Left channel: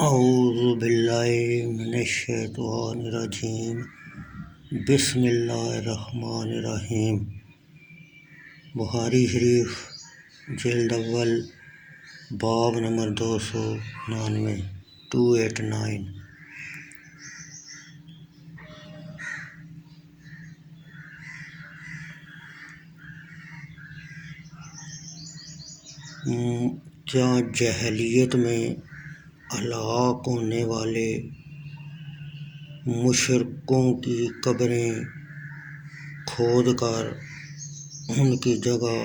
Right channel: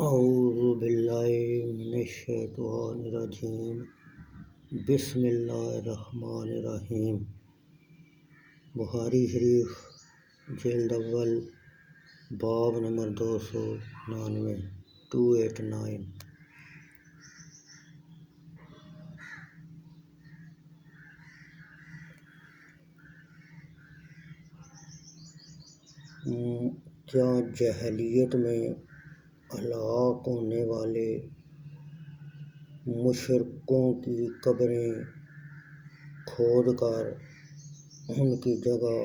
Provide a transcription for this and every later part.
اعوذ باللہ من الشیطان الرجیم بسم اللہ الرحمن الرحیم۔ بخاری شریف جلد اول باب نمبر 289 کیا جاہلیت میں ہلاک ہونے والے مشرکوں کی قبریں کھود کر ان کی جگہ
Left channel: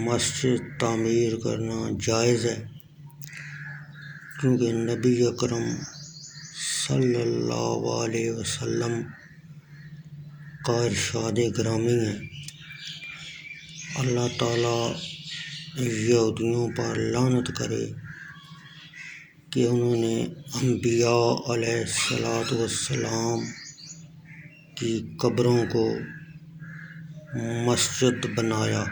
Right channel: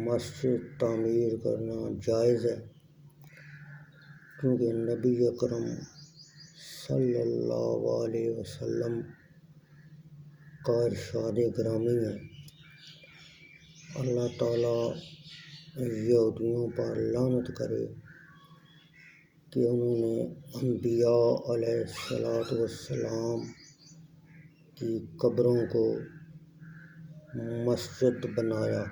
مسجد تعمیر کرنا جائز ہے؟ کیونکہ نبی اکرم صلی اللہ علیہ وسلم کا ارشاد گرامی ہے، اللہ تعالیٰ یہودیوں پر لعنت کرے کہ انہوں نے انبیاء علیہ السلام کی قبروں کو مسجد بنایا۔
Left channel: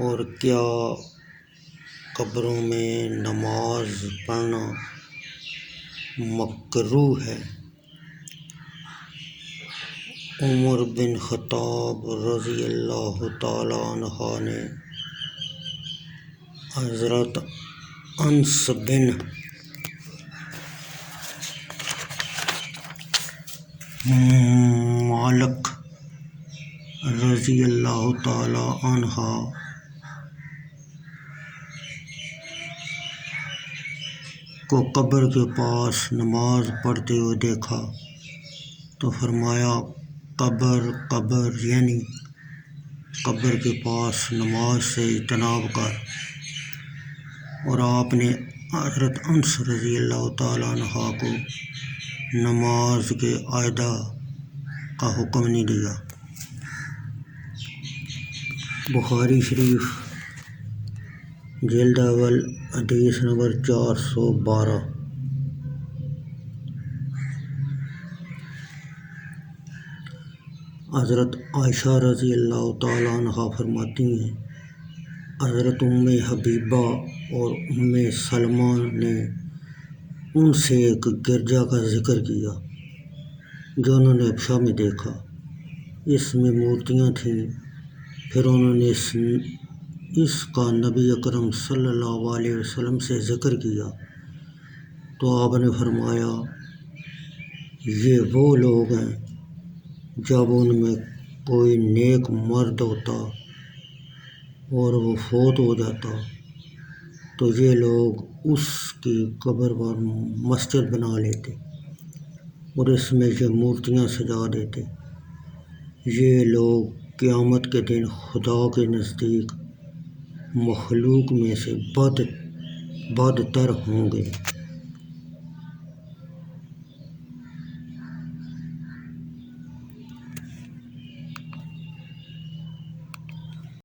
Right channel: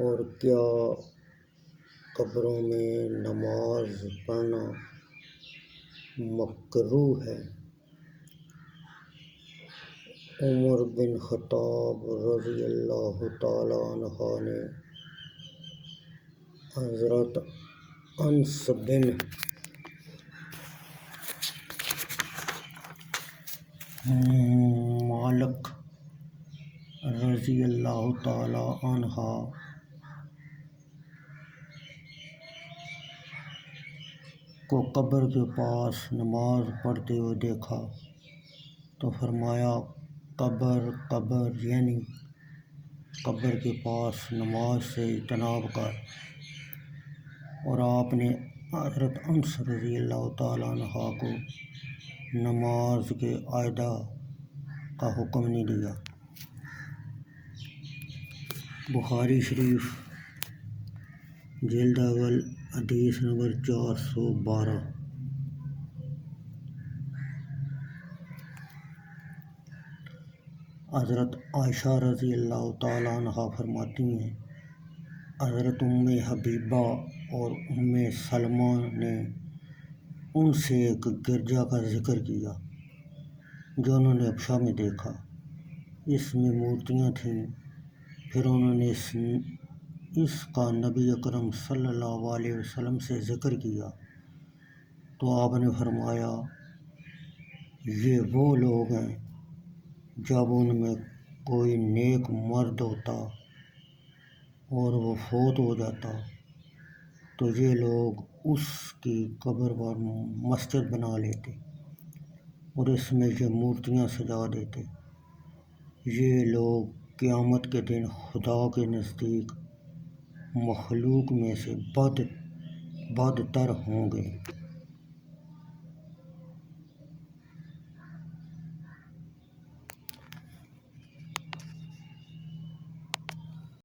اور کیا قبروں میں نماز پڑھنا مکروہ ہے؟ عمر بن خطاب رضی اللہ تعالیٰ عنہ نے حضرت انس بن مالک رضی اللہ تعالیٰ عنہ کو قبر کے پاس نماز پڑھتے ہوئے دیکھا تو فرمایا، قبر یعنی قبر کے پاس نماز سے اجتناب کر۔ اور آپ نے حضرت انس رضی اللہ تعالیٰ عنہ کو نماز کے ادا کا حکم نہیں دیا۔ بخاری شریف جلد اول حدیث نمبر 412۔ حضرت عائشہ رضی اللہ تعالیٰ عنہ فرماتی ہیں، حضرت ام حبیبہ اور ام سلمہ نے ان سے ایک گرجا کا ذکر کیا جو انہوں نے حبشہ میں دیکھا، اس میں مورتیاں تھیں۔ پھر انہوں نے اس کا نبی اکرم صلی اللہ علیہ وسلم سے ذکر کیا تو آپ نے فرمایا، یہ وہ لوگ ہیں جب ان میں کوئی نیک مرد ہوتا اور وہ فوت ہو جاتا تو یہ لوگ اس کی قبر پر مسجد بنا لیتے اور اس میں یہ مورتیاں سجا دیتے۔ یہ لوگ قیامت کے دن خدا کے نزدیک مخلوق میں سے بدتر ہوں گے۔